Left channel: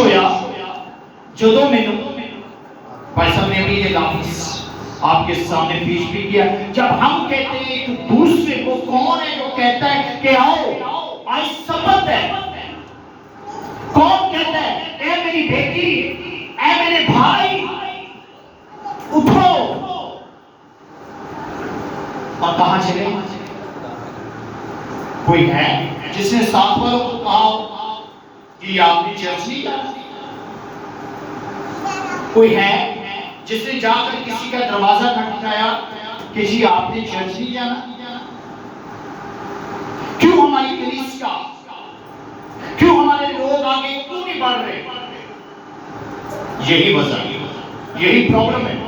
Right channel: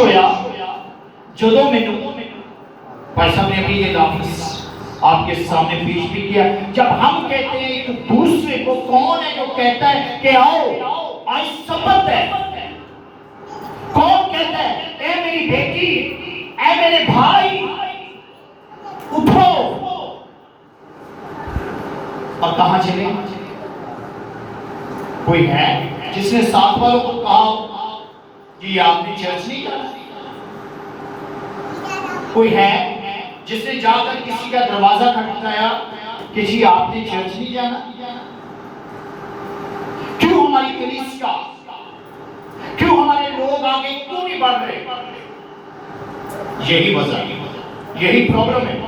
ہویا جدو مینوں پیسہ میں ابھی یہ لفظ آپ کے سامنے پیش بھی کیا، جب ہم کہتے ہیں ایک دوسرے کو، کون ہے جو کہتا ہے کہ آؤ آج سبت ہے؟ کون کہتا ہے اے میری بیٹی، اے میرے بھائی اٹھو، اور کہاں چلے؟ کوئی ہے جس نے ساتھ والوں کو کہا کہ آپ نے چرچ نہیں جانا؟ کوئی ہے جس نے جا کر کسی کا دروازہ کھٹکھایا کہ جی آپ نے چرچ نہیں جانا؟ کیوں ہماری کلیسیا، کیوں ہمارے لوگ آگے کیوں نہیں بڑھ رہے؟ یہی وجہ، یہی پرابلم ہے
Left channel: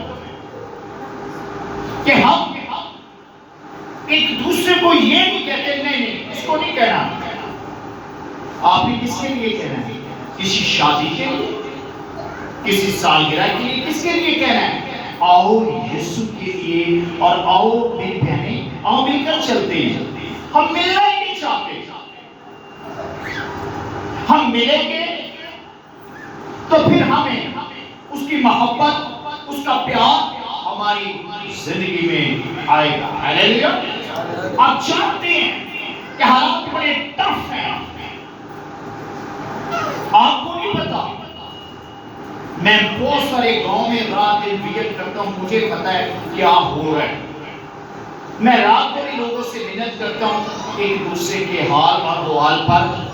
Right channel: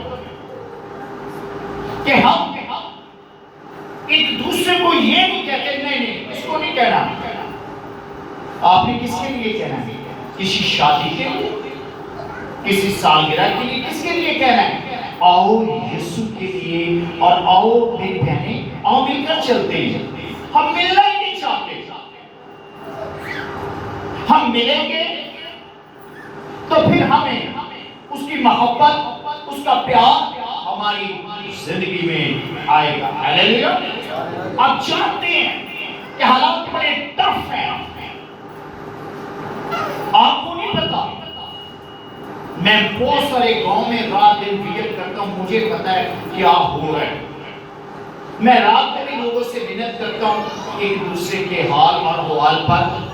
کہ ہم ایک دوسرے کو یہ نہیں کہتے، نہیں اس کو نہیں کہنا۔ آپ نے کس کے لیے کہنا ہے؟ کسی شادی کے لیے، کسی سالگرہ کے لیے، کس کے لیے کہنا ہے؟ آؤ یسوع کے لیے، اور آؤ میری بہنیں، آؤ مل کر چلتے ہیں۔ ہم ملنا ہی نہیں چاہتے۔ ہم ملیں گے تو پھر ہمیں اس کی محبت، اس کا پیار ہماری زندگی میں آئے گا۔ ہلیلویا۔ آپ جانتے ہیں کہ حالات بڑے ٹف ہیں، آپ کو نہیں پتا۔ میں بہت سارے گاؤں میں رات دن وزٹ کرتا ہوں، مجھے پتا ہے کیا ہو رہا ہے۔ میں رات کو بھی لوگوں سے منت کرتا ہوں ایک دوسرے کے حال اور احوال پر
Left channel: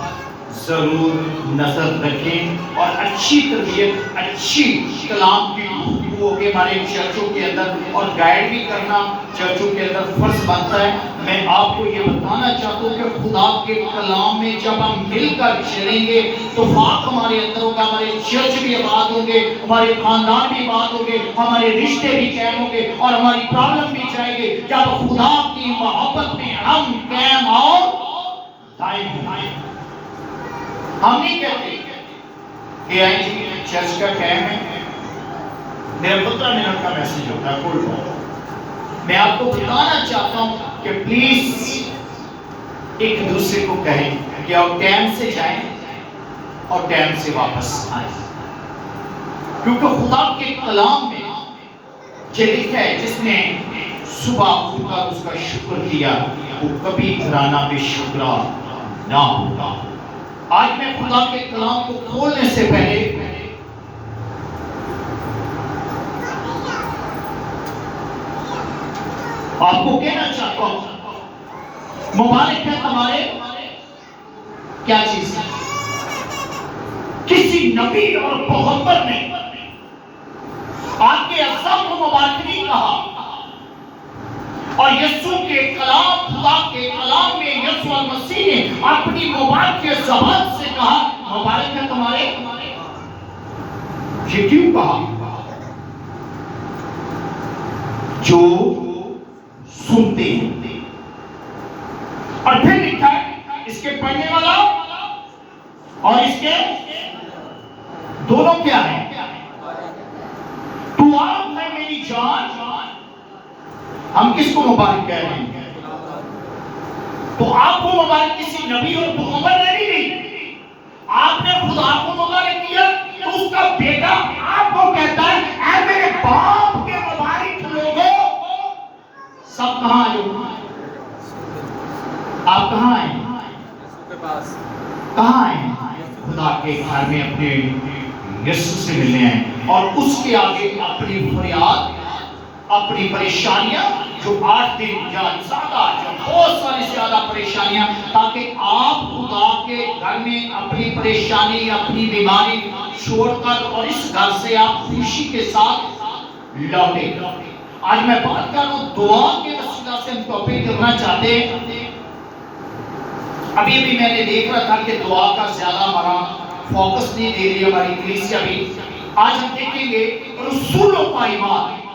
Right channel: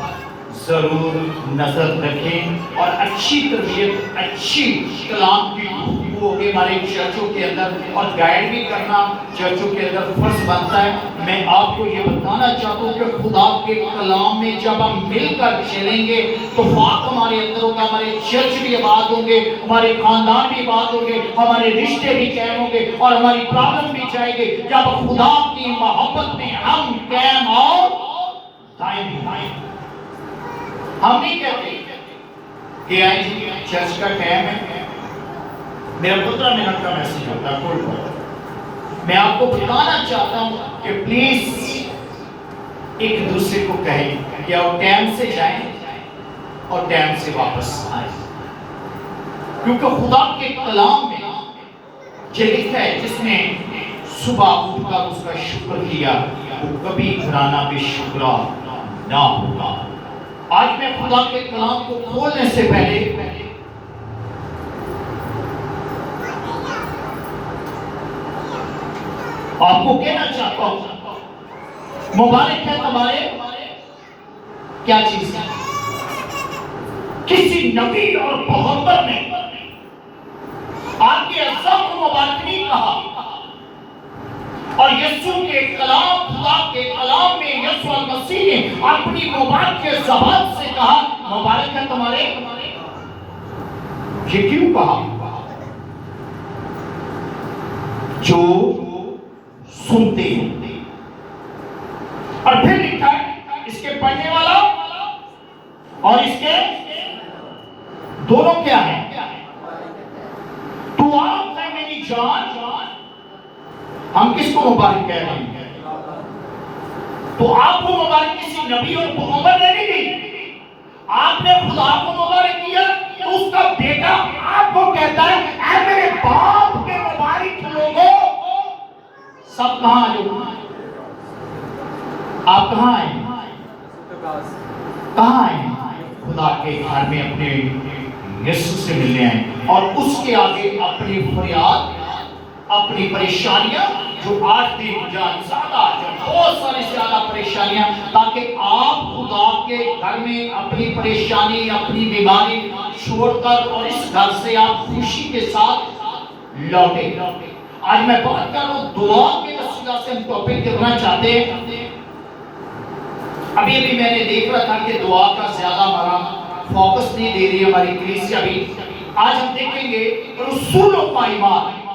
ضرور نظر رکھیں، اور اچھی تربیت، اچھی کلام کی گفتگو ہوگی ہمارے چرچوں کے اندر، اور گائیڈ بھی کرنا چرچوں کے اندر فرض بنتا ہے۔ میں آپ کو یہ بتانا چاہتا ہوں کہ خدا کے کلام میں جب ہم مل کر چلیں گے تو وقت ہمارے اندر ہوگا، ہمارے چرچ بھی آباد ہوں گے، ہمارے خاندان بھی آباد ہوں گے، ہمارے رشتے بھی قائم ہوں گے، اور ہماری پرابلم بھی جائے گی جب خدا کی محبت میں ہم قائم اور دائم ہیں۔ ہم نہیں کہتے کہ آئیں جی چرچ کا ٹائم ہے، میرا 15 منٹ کا میسیج ہوتا ہے، کوئی بات۔ میں آپ کو بتانا چاہتا ہوں کہ پلیز ایک دوسرے کو کہیں کہ آپ ٹائم سے جائیں اور ٹائم سے واپس آئیں، کیونکہ خدا کے کلام میں یہ لکھا ہے جس نے صبح اٹھ کر اس کا شکر کیا وہ کبھی گھرانا بے شکرا نہ ہوگا۔ آج میں خدا کے کلام کو کھولنے سے پہلے آپ کو کہنا چاہتا ہوں، مبارک ہے تمہارے کیا چیز ہے؟ کسی نبی اور پیغمبر نے آپ کے اجزاء کو مبارک نہیں کہا، اور یسوع کے کلام، خدا کے کلام میں یسوع المسیح نے اپنی مبارک کے زبان سے کہا مبارک ہے تمہارے۔ یہ کیوں کہا؟ جو سنتے ہیں، اور پھر لکھا ہے اس کے پڑھنے والا اور اس کے دونوں کیا ہیں؟ تو آپ ہے میری جان۔ ہم کس کو مبارک کہہ رہے ہیں؟ تو آپ کو مبارک کسی نبی اور پیغمبر نے نہیں دی، آپ نے خدا کو مبارک کیا، تو اس کا بیٹا آپ کو کہتا ہے اے میرے باپ کے مبارک لوگوں۔ سب کہاں جو آپ کہاں ہیں؟ کہاں ہیں؟ خدا کے گھر میں اپنے یسوع سے ملنے ہیں، اور اس کے آگے اپنی فریاد، اپنی پریشانیاں جو 8 دن یا زیادہ، جو بہت ساری زیادہ پریشانیاں، تاکہ آپ خدا کے گھر میں اپنی پریشانی، اپنی بیماری چھوڑ کر اور اس گھر سے آپ خوشی کے ساتھ لوٹے۔ آج میں بات کر رہا ہوں دعا کے وسیلہ سے ہم ٹاپک کرنا چاہتے ہیں۔ ابھی میں نے دیکھ رہا تھا کہ دعا کا زیادہ ہمارا فوکس نہیں دے رہی ہماری کلیسیا بھی۔ آج ہم دیکھیں گے رسولوں کا ایمان۔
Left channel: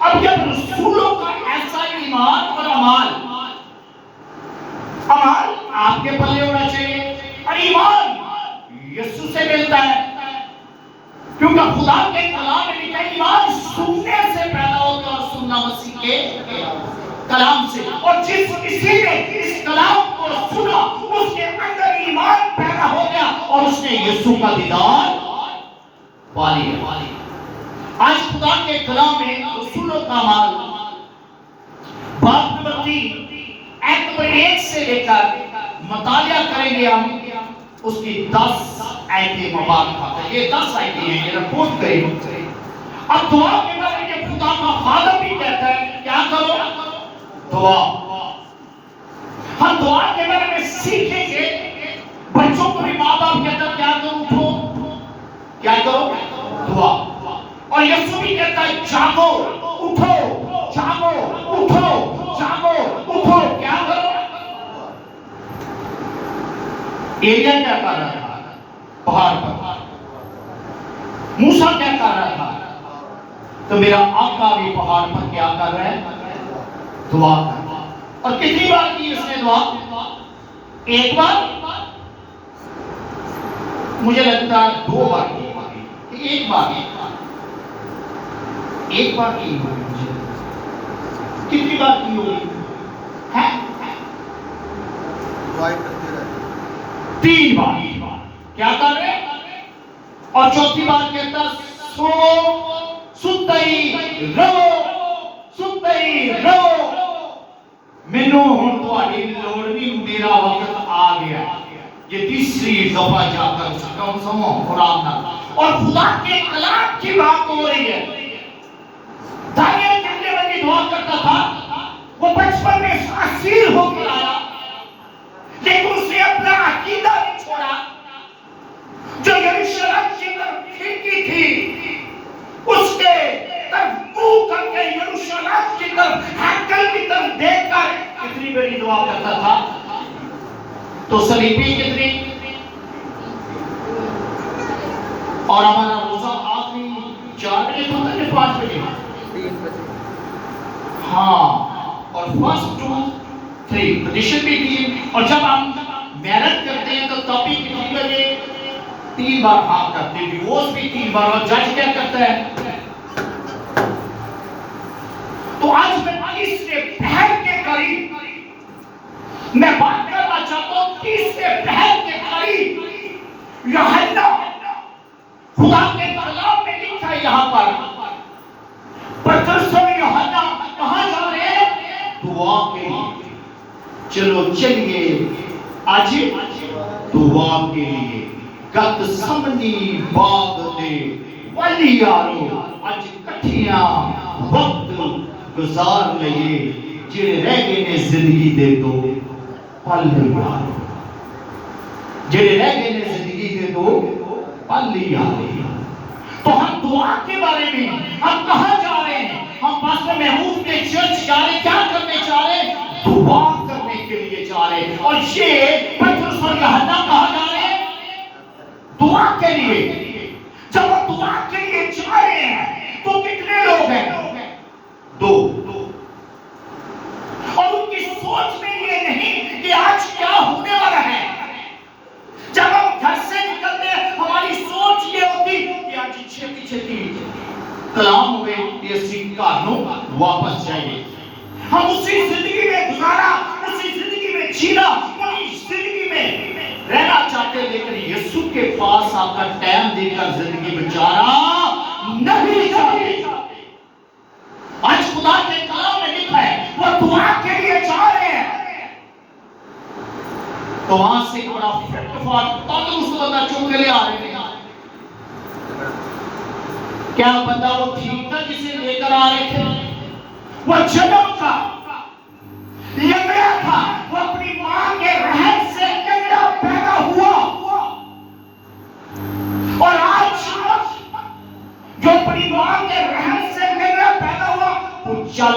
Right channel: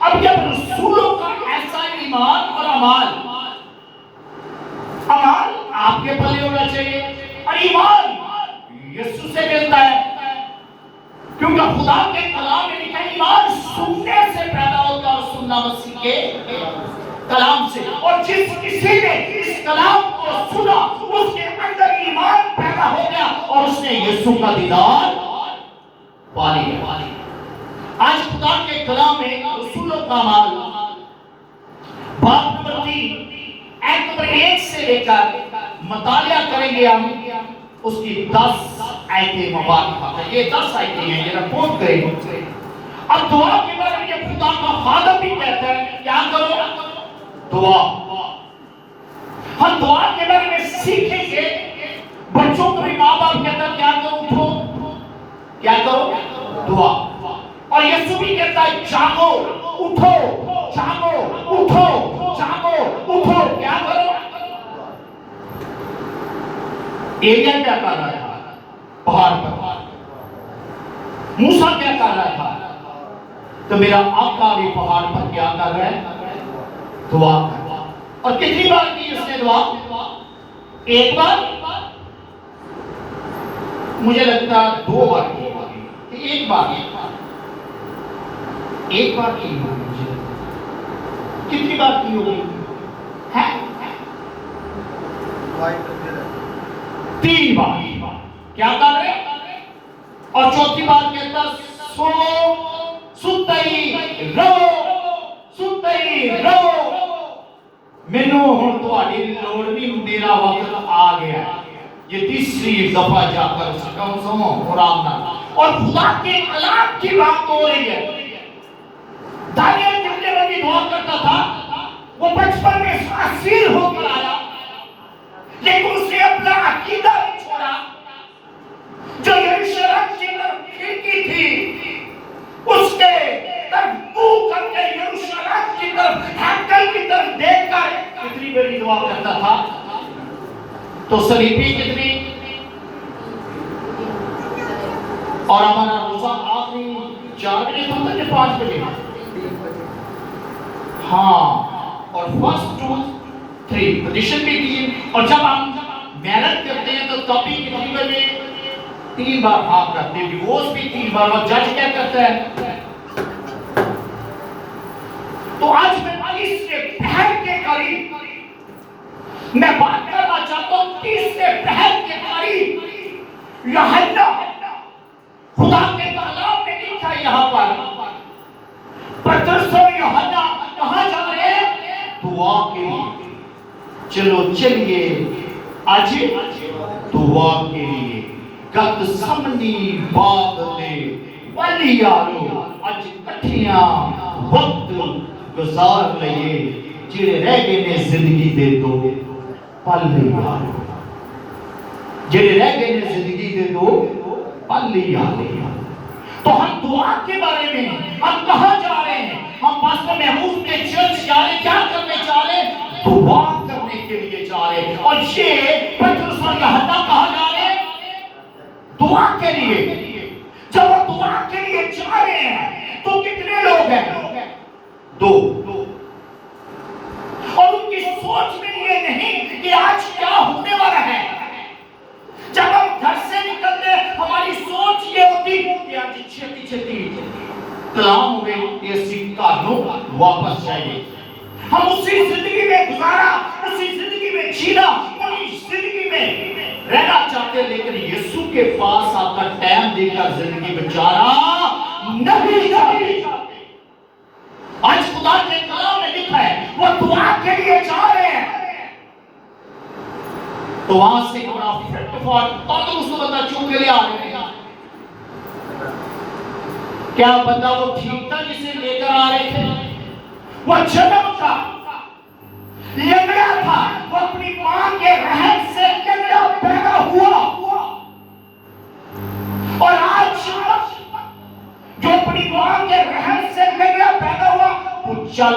اب جب رسولوں کا ایسا ایمان اور عمال آپ کے پلے ہونا چاہیے، اور ایمان یسوع سے ملتا ہے، کیونکہ خدا کے کلام میں لکھا ہے ایمان سننے سے پیدا ہوتا ہے، اور سننا مسیح کے کلام سے، اور جس کسی نے اس کلام کو سنا اس کے اندر ایمان پیدا ہو گیا، اور اس نے یسوع کا دیدار پا لیا۔ آج خدا کے کلام میں رسولوں کا اعمال باب نمبر 3 ایت نمبر 1 سے لے کر مطالعہ کریں گے ہم اس کی 10 آیتیں مبارکہ۔ یہ 10 آیتیں ہیں، یہ رپورٹ کریں گے۔ اب دعا کے بارے میں خدا کا خادم بھی کہتا ہے کیا کرو؟ دعا۔ ہم دعا کے بارے میں سیکھیں گے۔ بچوں کو بھی ماں باپ کہتا ہے کیا کرو؟ اٹھو۔ کیا کرو؟ دعا۔ اور یسوع بھی کہتا ہے جاگو، اٹھو، جاگو، اٹھو، جاگو، اٹھو۔ کیا کرو؟ ایلیا کیا کر رہا تھا پہاڑ پر؟ موسیٰ کیا کر رہا تھا؟ تو میرا آقا بھی پہاڑ پر کیا کر رہا ہے؟ دعا کر رہا ہے۔ اور کتنی بار کی اس نے دعا؟ ایک بار؟ مجھے لگتا ہے 2 بار کی ہوگی، ایک بار کی ہوگی، مجھے کتنی بار کی ہوگی؟ 3 بار۔ کیا کر رہے؟ اور چوتھی بار کہتا سنو، سنتے ہی رہو، سنتے ہی رہو، مینوں ہن تہاڈی لوڑ نہیں، میرا وقت آ گیا۔ یہ تیسری دفعہ جا کر سنو قرآن نہ، اور خدا کے کلام کی بات ہو رہی ہے۔ دانیال جتنے بڑی دعا کرتا تھا، وہ بچپن میں اسیر ہو کر آیا، لیکن اس نے اپنا عقیدہ نہیں چھوڑا۔ جو یروشلم کی طرف کھڑکی تھی، اس کے طرف منہ کر کے یروشلم کی طرف، ہیکل کی طرف دیکھ کر کتنی بڑی دعا کرتا تھا۔ تو سلیپی کتنی؟ اور ہمارا روزہ آخری 4 بجے کھلتا ہے 5 بجے؟ ہاں، اور فرسٹ 2 3 پوزیشن بھی کی۔ اور جب ہم محنت کرتے ہیں تو تب بھی کتنی بجے؟ 3 بار ہاں کرتے ہیں، ڈیوورس بھی 3 بار۔ اور جج کیا کرتا ہے؟ تو آج میں تیسرے پہر کے قریب میں بات کرنا چاہتا ہوں۔ تیسرے پہر کے قریب یوحنا خدا کے کلام میں لکھا ہے یہاں پر پترس اور یوحنا کہاں جا رہے ہیں؟ دعا کے لیے۔ چلو چلیے آج دعا کے لیے گت سمنی بات دے والی یارو اج کٹھیاں وقت گزار لئے، جڑے رہ گئے نے زندگی دے دو پل یارو، جڑے رہ گئے نے زندگی دے دو پل یارو۔ تو ہم دعا کے بارے میں ہم کہاں جا رہے ہیں؟ ہم پاسٹر محمود کے چرچ جا رہے ہیں، کیا کرنے جا رہے ہیں؟ دعا کرنے کے لیے جا رہے ہیں۔ اور یہ پترس اور یوحنا کہاں جا رہے ہیں؟ دعا کے لیے۔ جب ہم دعا کے لیے جا رہے ہیں تو کتنے لوگ ہیں؟ 2۔ اور ان کی سوچ میں یہ نہیں کہ آج کیا ہونے والا ہے۔ جب ہم گھر سے نکلتے ہیں ہماری سوچ یہ ہوتی کہ آج چھتی چھتی کلام ہوئے اسی کارنوں واپس جائیں۔ ہم اسی زندگی میں گزارا، اسی زندگی میں جینا، اسی زندگی میں رہنا چاہتے، لیکن یسوع کے پاس آ کر ٹائم دے کر زندگی بچانا نہیں چاہتے۔ آج خدا کے کلام میں لکھا ہے وہ دعا کے لیے جا رہے ہیں۔ تو وہاں سے بڑا تندرست بندہ چون کے لیے آ رہے ہیں۔ کیا بندہ وہ ٹھیک تھا جسے لے کر آ رہے تھے؟ وہ جنم کا لنگڑا تھا، وہ اپنی ماں کے رحم سے لنگڑا پیدا ہوا۔ اور آج جو اپنی ماں کے رحم سے لنگڑا پیدا ہوا وہ چل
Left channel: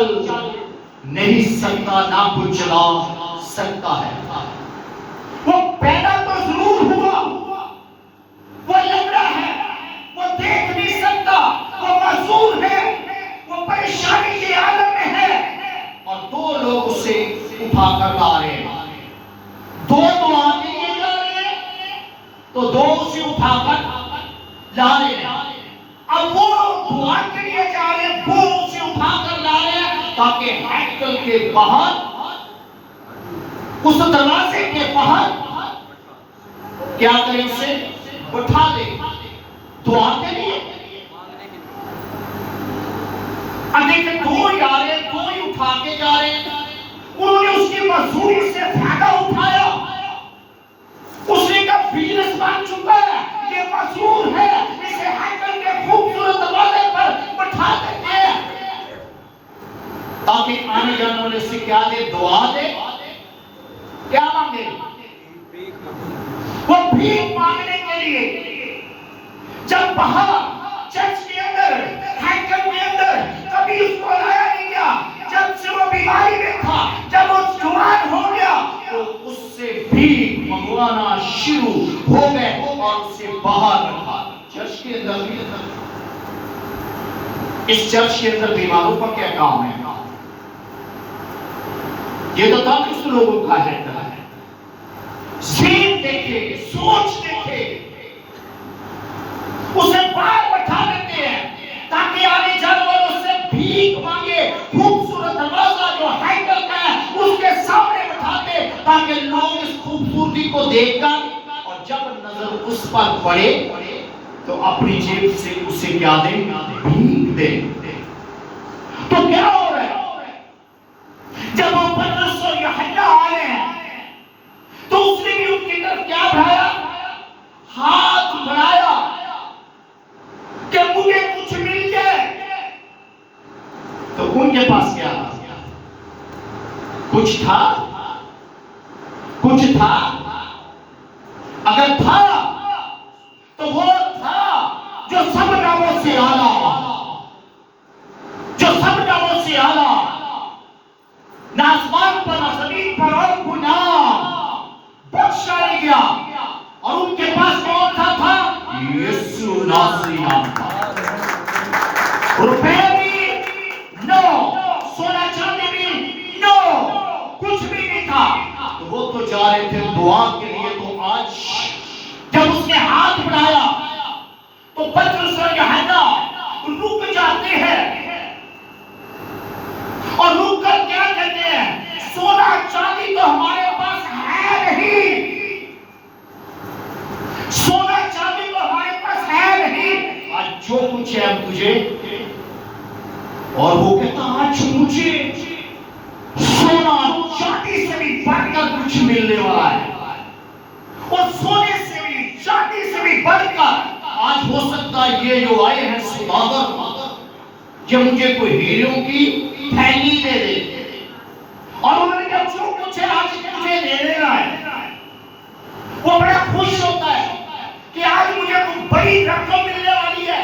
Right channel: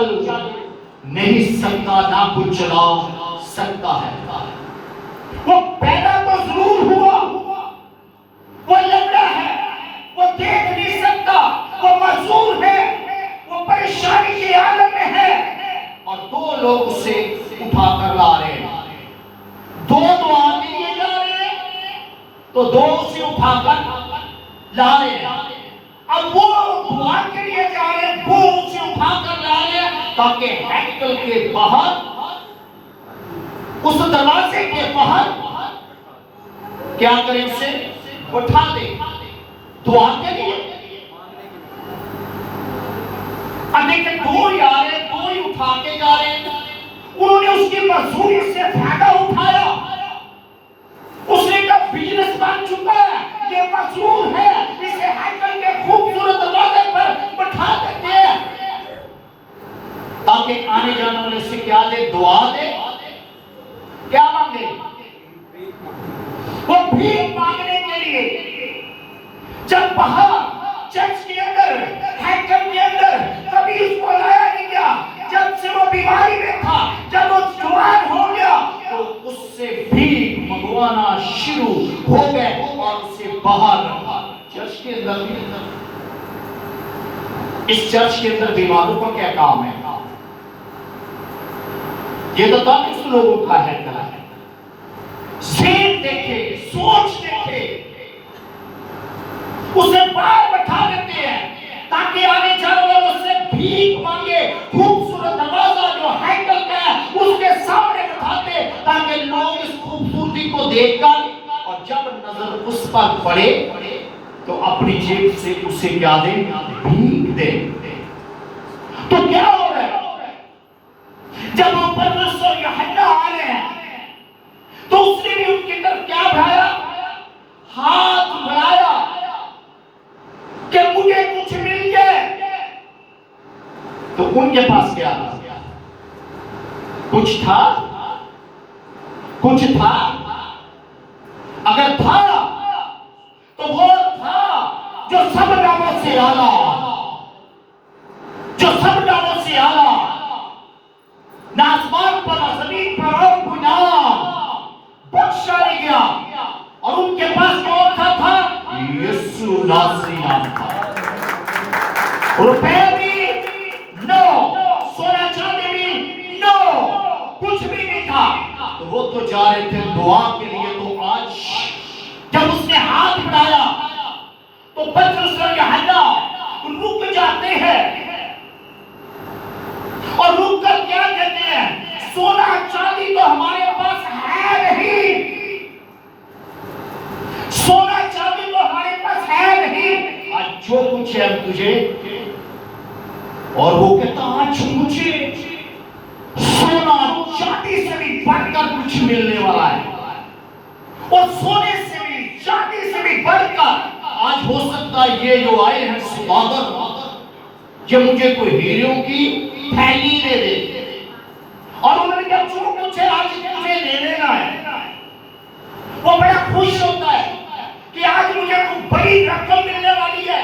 نہیں سکتا، نہ کچھ چلا سکتا ہے۔ وہ پیدا تو ضرور ہوا، وہ لنگڑا ہے، وہ دیکھ نہیں سکتا، وہ معذور ہے، وہ پریشانی کے عالم میں ہے، اور 2 لوگ اسے اٹھا کر لا رہے ہیں۔ 2 دعا کے لیے جا رہے ہیں تو 2 اسے اٹھا کر لا رہے ہیں۔ اب وہ دعا کے لیے جا رہے ہیں، وہ اسے اٹھا کر لا رہے ہیں تاکہ ہیکل کے باہر، اس دروازے کے باہر کیا کرے اسے اٹھا دے دعا کے لیے. اب دیکھیں دو ہی آ رہے دو ہی اٹھا کے جا رہے ہیں. انہوں نے اس کی مزدوری سے فائدہ اٹھایا. اس نے کہا بزنس بن چکا ہے یہ مزدور ہے اسے ہیکل کے خوبصورت دروازے پر بٹھا دیتے ہیں تاکہ آنے جانے والے سے کیا دے دعا دے کیا مانگے وہ بھیک مانگنے کے لیے. جب باہر چرچ کے اندر ہیکل کے اندر کبھی اس کو لایا نہیں گیا. جب سے وہ بیماری میں تھا جب وہ جوان ہو گیا تو اس سے بھیک منگوانا شروع ہو گئے اور اسے باہر رکھا. چرچ کے اندر بھی اس چرچ کے اندر بیماروں کا کیا کام ہے؟ یہ تو تاکہ لوگوں کا ہے ذہن دیکھے سوچ دیکھے اسے باہر بٹھا دیتے ہیں تاکہ آنے جانے والوں سے بھیک مانگے. خوبصورت دروازہ جو ہیکل کا ہے اس کے سامنے بٹھاتے تاکہ لوگ اس خوبصورتی کو دیکھ کر اور جب نظر اس پر پڑے تو اپنی جیب سے اسے کیا دیں بھیک دیں. تو کیا ہو رہا ہے جب وہ پترس اور یوحنا آئے ہیں تو اس نے بھی ان کی طرف کیا بڑھایا ہاتھ بڑھایا کہ مجھے کچھ مل جائے. تو ان کے پاس کیا کچھ تھا اگر تھا تو وہ تھا جو سب ناموں سے اعلیٰ نہ آسمان پر نہ زمین پر اور کوئی نام بخشا نہیں گیا. اور ان کے پاس کون تھا یسوع ناصری نام تھا. روپے بھی نو سونا چاندی بھی نو کچھ بھی نہیں تھا. تو وہ تو جا رہے تھے دعا کے لیے. تو آج جب اس نے ہاتھ بڑھایا تو پترس اور یوحنا رک جاتے ہیں اور رک کر کیا کہتے ہیں سونا چاندی تو ہمارے پاس ہے نہیں. سونا چاندی تو ہمارے پاس ہے نہیں. آج جو کچھ ہے تجھے اور وہ کہتا آج مجھے سونا چاندی سے بھی بڑھ کر کچھ ملنے والا ہے اور سونے سے بھی چاندی سے بھی بڑھ کر آج ہو سکتا ہے یہ جو آئے ہیں سوداگر کہ مجھے کوئی ہیروں کی تھیلی دے دے. اور انہوں نے کہا جو کچھ ہے آج مجھے دے دینا ہے. وہ بڑا خوش ہوتا ہے کہ آج مجھے کوئی بڑی رقم ملنے والی ہے.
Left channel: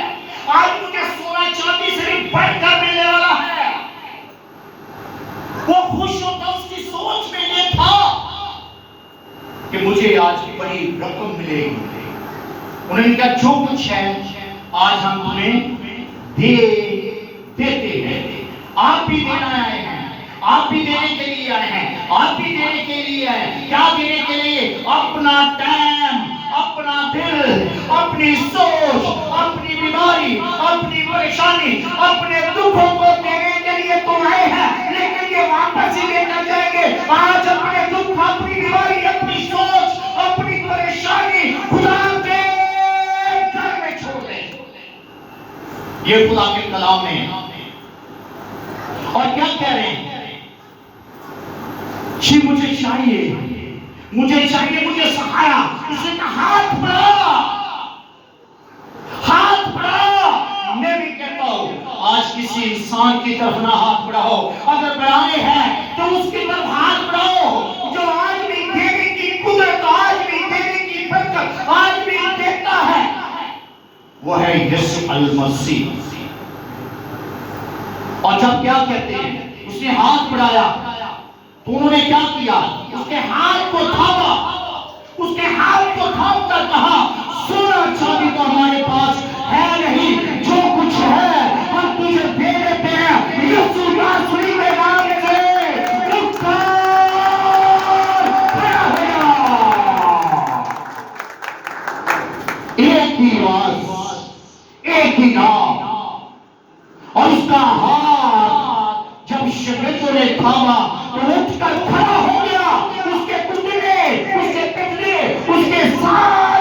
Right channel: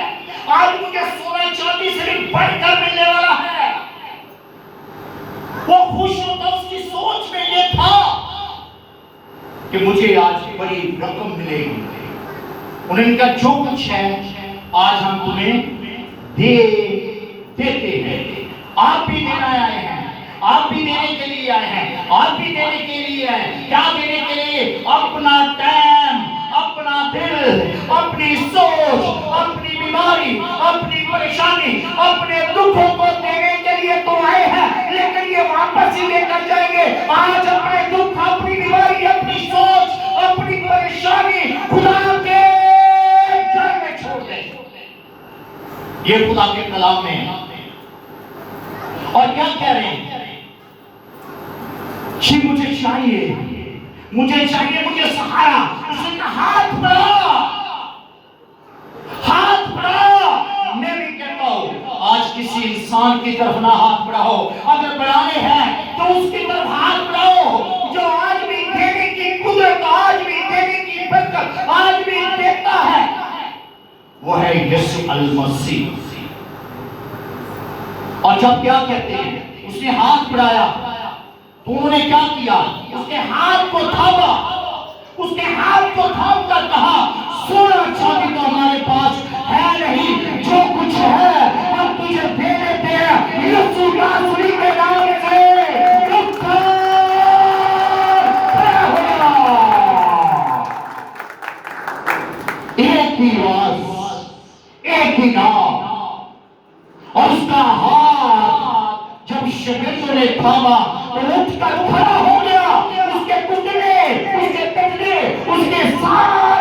آج مجھے سونا چاندی سے بھی بڑھ کر ملنے والا ہے. وہ خوش ہوتا اس کی سوچ میں یہ تھا کہ مجھے آج بڑی رقم ملے گی. انہوں نے کہا جو کچھ ہے آج ہم تمہیں دیتے ہیں. آپ بھی دینا آئے ہیں آپ بھی دینے کے لیے آئے ہیں آپ بھی دینے کے لیے آئے ہیں. کیا دینے کے لیے؟ اپنا ٹائم اپنا دل اپنی سوچ اپنی بیماری اپنی پریشانی اپنے دکھوں کو دینے کے لیے تم آئے ہیں. لیکن یہ واپس ہی لے کر جائیں گے. آج اپنے دکھ اپنی بیماری اپنی سوچ اپنی پریشانی خدا کے گھر میں چھوڑ دیں. یہ خدا کے کلام میں اور کیا کہہ رہے ہیں کہ مجھے چاہیے مجھے سہارا. اس نے کہا ہاتھ بڑھا. میں بھی کہتا ہوں آج کسی انسان کی طرف نہ ہاتھ بڑھاؤ. اگر بڑھانے ہیں تو اس کی طرف ہاتھ بڑھاؤ جو آج بھی دینے کی قدرت آج بھی دینے کی برکت آج بھی دیتا ہے. وہ ہے یسوع المسیح. اور جب کیا کہتے ہیں اس نے ہاتھ بڑھایا تو انہوں نے کیا کیا اس کے ہاتھ کو تھام کر کہا سونا چاندی تو ہمارے پاس ہے نہیں. جو کچھ ہے ہم تجھے دے دیتے ہیں یسوع ناصری کے نام سے. ایک ہی آواز ایک ہی نام اور اس کا ہاتھ جب شاگردوں نے تھاما تو اٹھ کر کھڑا ہو گیا. اس کے کتنے اس کے کتنے اس کے سارے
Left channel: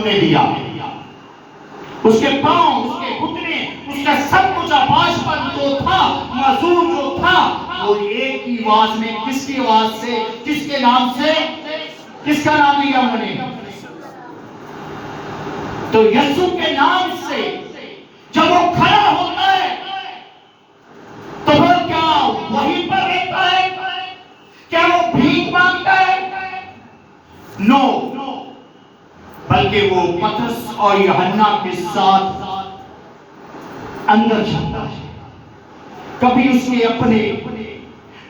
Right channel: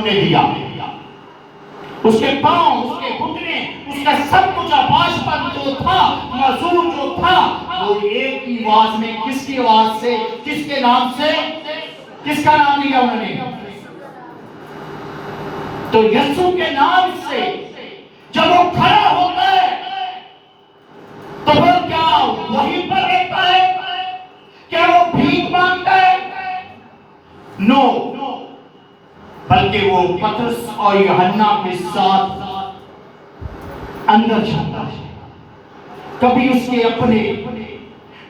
انہوں نے دیا. اس کے پاؤں، اس کے گھٹنے، اس کا سب کچھ آواز پر جو تھا، معذور جو تھا، وہ ایک ہی آواز میں، کس کی آواز سے، کس کے نام سے، کس کا نام لیا انہوں نے؟ تو یسوع کے نام سے جب وہ کھڑا ہوتا ہے تو وہ کیا وہیں پر رہتا ہے؟ کیا وہ بھیک مانگتا ہے؟ نو، بلکہ وہ پطرس اور یوحنا کے ساتھ اندر جاتا ہے. کبھی اس کے اپنے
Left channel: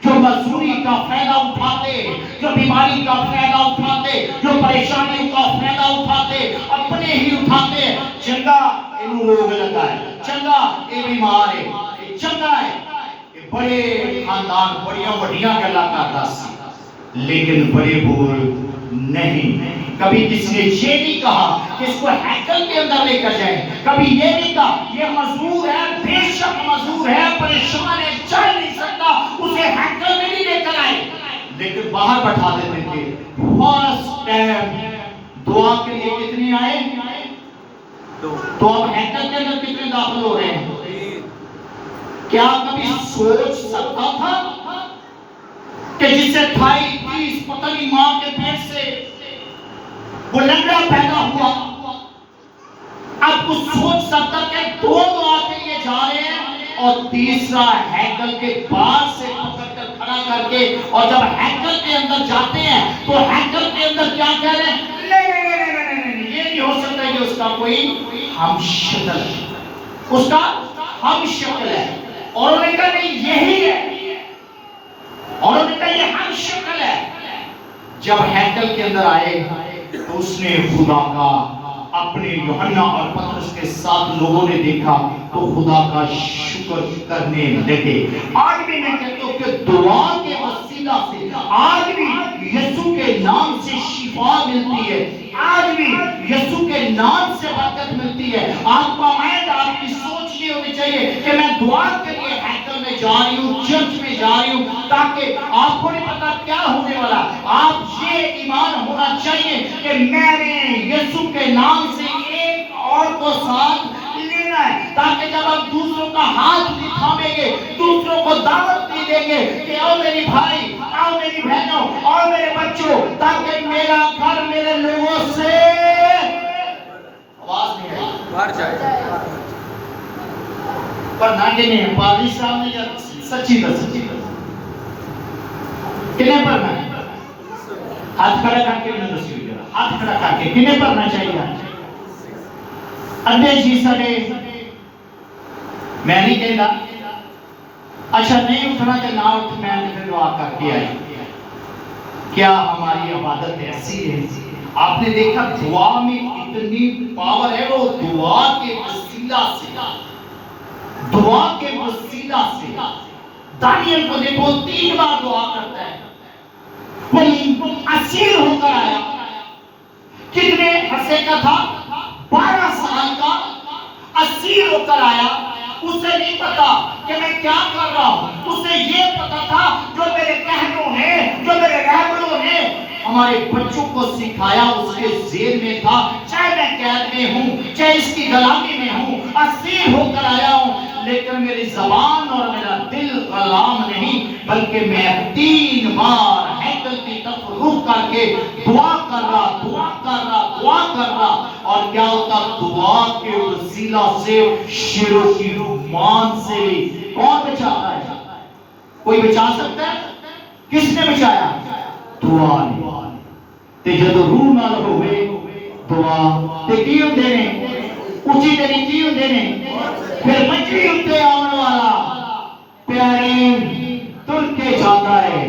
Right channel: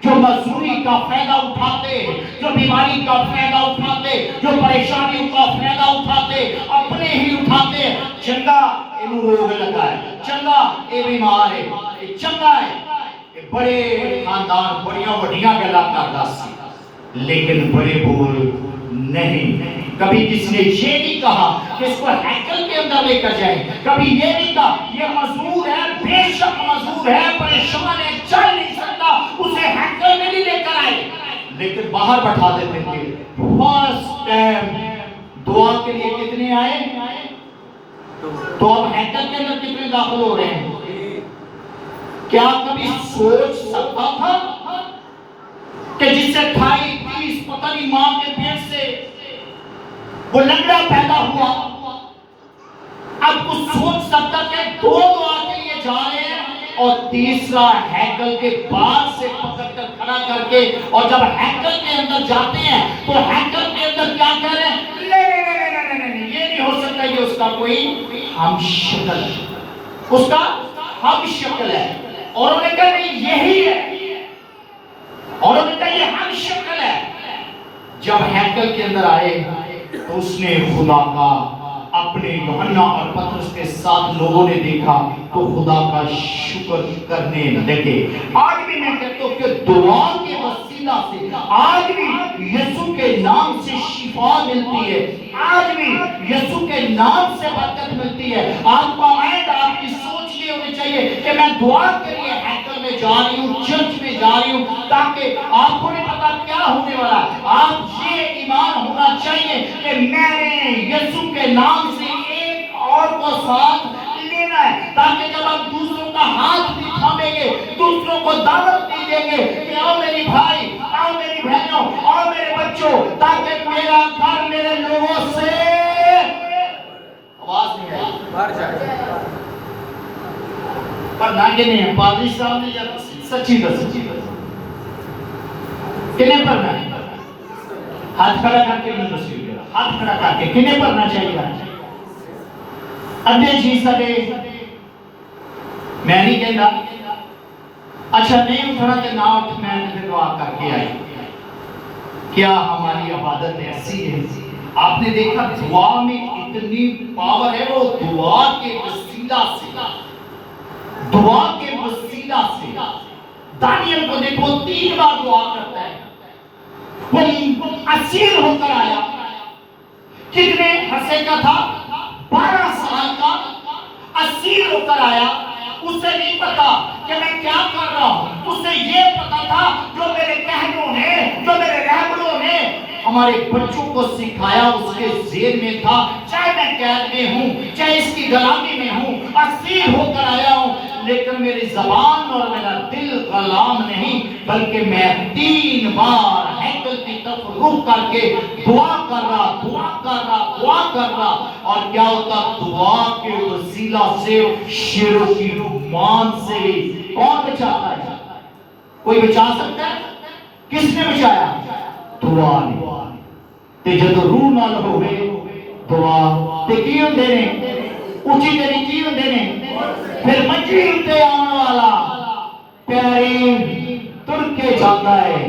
جو مزدوری کا فائدہ اٹھاتے، جو بیماری کا فائدہ اٹھاتے، جو پریشانیوں کا فائدہ اٹھاتے، اپنے ہی اٹھاتے. چنگا انہوں روگ لگا ہے، چنگا یہ بیمار ہے، یہ چنگا ہے، یہ بڑے خاندان بڑیاں بڑیاں گلا کرتا سی، لیکن بڑے بول نہیں. کبھی کسی نے یہ نہیں کہا کہ اس کو ہیکل کے اندر لے کر جائیں. کبھی یہ نہیں کہا یہ مزدور ہے، بے شک مزدور ہے، پریشان ہے، چل نہیں سکتا، اسے ہیکل میں نہیں لے کر آئے، لیکن باہر بٹھا دیتے تھے. فرسٹ ٹائم دعا کے لیے کتنے آئے؟ تو اب ہیکل کے اندر کتنے داخل ہو رہے ہیں؟ کیا کبھی سوچ سکتا تھا کہ جس سے 28-30 پتہ نہیں ماں کے پیٹ سے وہ لنگڑا پیدا ہوا، اب کچھ سوچ سکتا کہ 2 دعا کے لیے جا رہے ہیں اور تیسرا ہیکل کے بعد سے پکڑ کر کھڑا کر کے، اور جب ہیکل کے اندر جاتے ہیں تو ہیکل کے اندر کیا کہہ رہے ہیں؟ نہیں، یہ نہیں ہو سکتا، یہ اس کا کوئی ہم شکل ہے، اس کا ہم شکل ہے. اور انہوں نے کہا نہیں یہی ہے، اور انہوں نے کہا یہ ہم شکل ہے. جب ہیکل کے اندر آئے تو اس نے خدا کا اپنے یوحنا اور پطرس کے ساتھ لوگوں نے دیکھا تو خدا کا شکر کرنے لگے. آج بھی میں کہتا ہوں کہ دعا کے وسیلہ سے آج بھی یسوع کے نام سے شفا ملتی ہے، آج بھی یسوع کے نام سے برکت ملتی ہے. آپ کا مائنڈ، آپ کی سوچ یہ ہونی چاہیے کہ میں دعا کے لیے ہیکل میں جا رہی ہوں، چرچ میں جا رہی ہوں، تاکہ آپ کو نہیں پتا کیا ہونے والا. آپ یہ ایمان ہونا چاہیے کہ میں نے یسوع کے نام سے ایک اور کو ساتھ لینا ہے، تاکہ جب آپ دوسروں کا ہاتھ بھی تھامیں گے، دوسروں کو دعوت بھی دیں گے کہ آؤ میری بھائی، آؤ میری بہنوں، آؤ میرے بچوں، تاکہ میرا گھر میرے لوگوں سے آواز نہیں آئی بھر جائے. پر نہ کہ نہیں پادری صاحب نے سچی بس کنے پڑھنا ہے؟ ہاتھ کھڑا کر کے ہاتھ کھڑا کر کے کنے پڑھنا چاہیے؟ ادھے جی سڑے میں نہیں کہنا اچھا نہیں اٹھنا کہ نہ اٹھ، میں نے دعا کر کے آئی. کیا ہماری عبادت ایسی ہے؟ آپ نے دیکھا دعا میں اتنی پاور ہے، وہ دعا کے وسیلہ سے، دعا کے وسیلہ سے دانیل کو دیکھو 3 بار دعا کرتا ہے. وہ اسیر ہو کر آیا، کتنے عرصے کا تھا؟ 12 سال کا اسیر ہو کر آیا. اسے نہیں پتا کہ میں کیا کر رہا ہوں، اسے یہ پتا تھا جو میرے کہنوں نے، جو میرے رہبروں نے ہمارے بچوں کو سکھایا اس کے ذہن میں تھا. چاہے میں قید میں ہوں، چاہے اس کی غلامی میں ہوں، اسیر ہو کر آیا ہوں، لیکن میری زبان اور میرا دل غلام نہیں، بلکہ میں 3 بار ہیکل کی طرف رخ کر کے دعا کر رہا، دعا کر رہا، دعا کر رہا. اور کیا ہوتا؟ دعا کے وسیلہ سے شیروں کی مان سے کون بچاتا ہے؟ کوئی بچا سکتا ہے؟ کس نے بچایا؟ دعا نے. تے جب روح نال ہوئے دعا تے کی ہوندے نے؟ اونچی تیری کی ہوندے نے؟ پھر منجی اتے آنے والا پیریں تر کے جاتا ہے،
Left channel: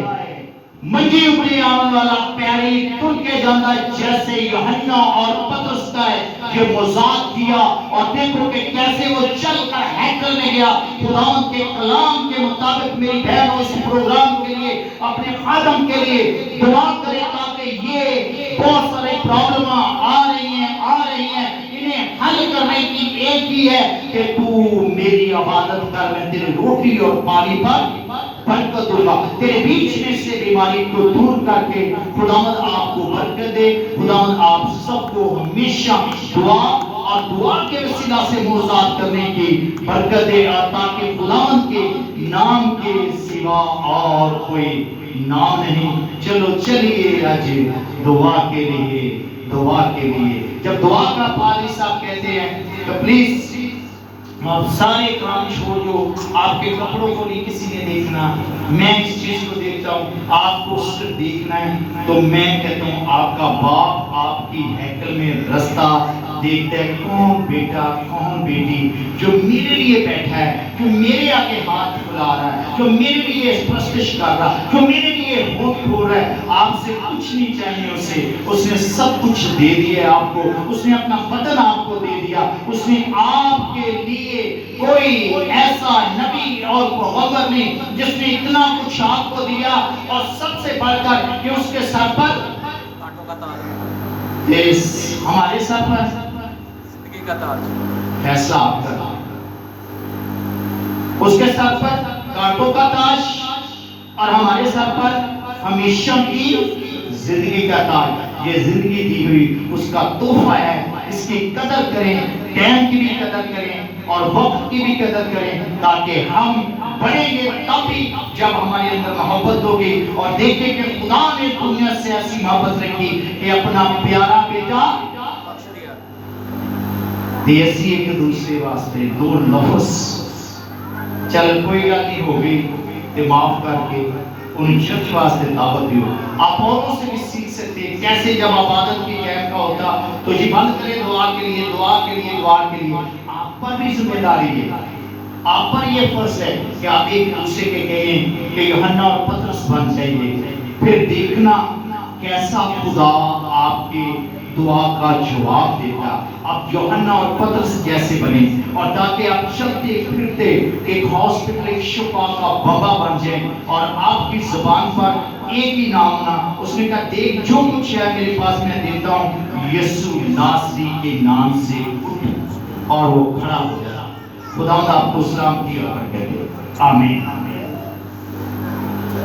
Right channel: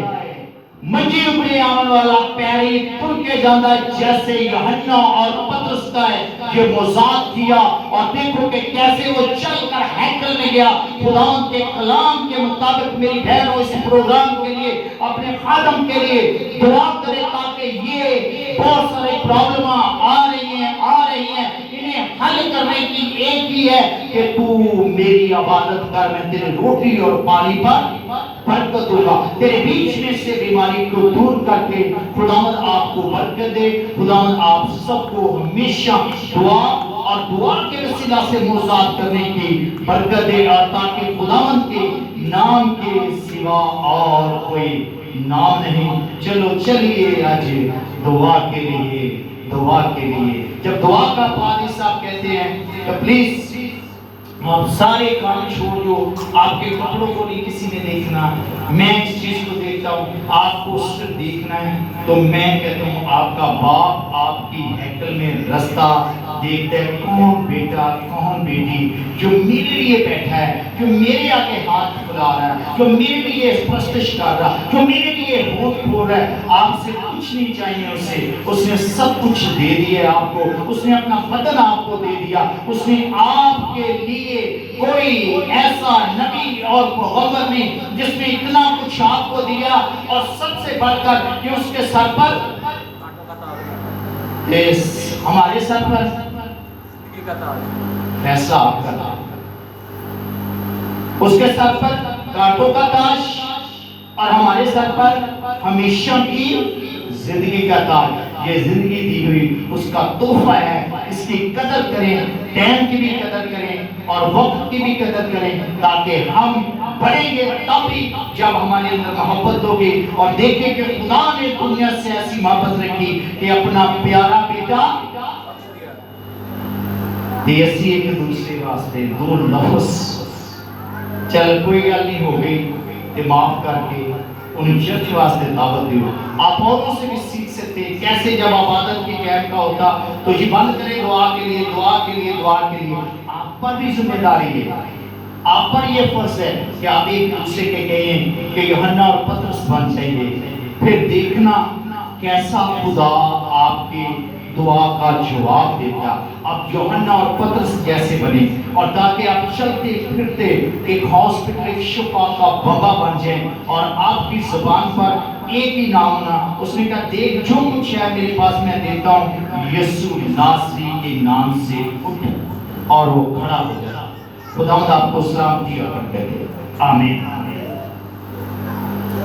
منجی اپنے آنے والا پیریں تر کے جاتا ہے. جیسے یوحنا اور پطرس کا ہے یہ مذاق کیا، اور دیکھو کہ کیسے وہ چل کر ہیکل میں گیا. خدا کے کلام کے مطابق میری بہنوں اس پروگرام کے لیے، اپنے خادم کے لیے دعا کرے تاکہ یہ بہت سارے پرابلم آ رہی ہیں، انہیں حل کرنے کی ایک ہی ہے کہ تو میری عبادت کر، میں تیرے روٹی اور پانی پر برکت دوں گا. تیرے بیچ میں سے بیماری کو دور کر کے خداوند آپ کو برکت دے. خداوند آپ سب کو ہمیشہ دعا اور دعا کے وسیلہ سے موضوعات کرنے کی برکت دے، اور تاکہ خداوند کے نام کے سوا اور کوئی نام نہیں. چلو چلیے آج دعا کے لیے، دعا کے لیے. جب دعا کا پادری صاحب کہتے ہیں تو پلیز آپ سارے کام چھوڑ دو. آپ کے کپڑوں کو نہیں کسی نے دیکھنا، میں اس چیز کو دیکھتا ہوں، آپ کو صرف دیکھنا ہے. تو میں کہتا ہوں آپ کا باپ آپ کی ہیکل میں رستہ دیکھتا ہے، کون بیٹا کون بیٹی جو میرے لیے بیٹھا ہے، جو میرے آگے ہاتھ پھیلا رہا ہے، جو میرے لیے پرستش کر رہا ہے، جو میرے لیے ہونٹ کھول رہا ہے. آپ سے کچھ نہیں چاہیے اسے، اس نے سب کچھ دے دیا ہے آپ کو. اس نے اپنا بدن آپ کو دے دیا. اس نے آپ کے لیے کوئی ایسا نبی اور پیغمبر نہیں جس نے اتنا کچھ آپ کو دیا، اور سب سے بڑھ کر کہ اس کے سر پر ہمارے سر پر فیصلہ آپ کا، اس کے سر پر کانٹوں کا تاج اور ہمارے سر پر ہمیشہ کی زندگی کا تاج. یہ زندگی دی ہوئی اس کا تحفہ ہے. اس کی قدر کریں، ٹائم کی بھی قدر کریں اور وقت کی بھی قدر کریں، تاکہ ہم بڑھیں گے تب بھی جب ہمارے اندر محبت ہوگی اور دیکھیں کہ خدا نے دنیا سے ایسی محبت رکھی کہ اپنا پیارا بیٹا دیسی ایک دوسرے واسطے دو لفظ. چل کوئی گل نہیں ہوگی کہ معاف کر کے ان چرچ واسطے دعوت بھی ہو. آپ اوروں سے بھی سیکھ سکتے ہیں کیسے جب عبادت کی ٹائم کا ہوتا تو جی بند کریں دعا کے لیے، دعا کے لیے، دعا کے لیے. آپ پر بھی ذمہ داری ہے، آپ پر یہ فرض ہے کہ آپ ایک دوسرے کے کہیں کہ یوحنا اور پترس بن جائیے. پھر دیکھنا کیسا خدا آپ کی دعا کا جواب دیتا. آپ یوحنا اور پترس جیسے بنے، اور تاکہ آپ چلتے پھرتے ایک ہاسپٹل، ایک شفا کا بابا بن جائیں، اور آپ کی زبان پر ایک ہی نام نہ. اس نے کہا دیکھ جو کچھ ہے میرے پاس میں دیتا ہوں، یسوع ناصری کے نام سے اٹھ، اور وہ کھڑا ہو گیا. خدا آپ کو سلامتی اور برکت دے. آمین.